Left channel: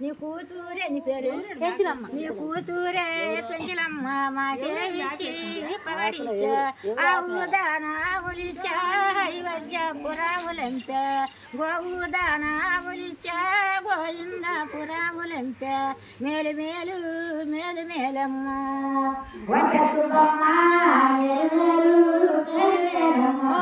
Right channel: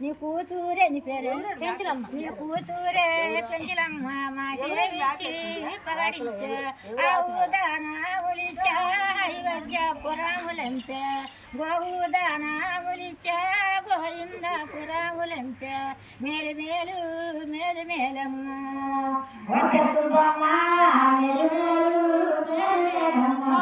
నీ కూతురే నీ పేరు నీ కూతురే పెంచిలమ్మ మాకేమిచ్చి పగడిచ్చా ఆవుదానా ఒలిచా అయోధ్య పురాములంత గోవుదానా ఒలిచా గోయింద పురాములంత మేలు మేలు మేలు మేలమ్మ మేలు మేలు మేలు మేలమ్మ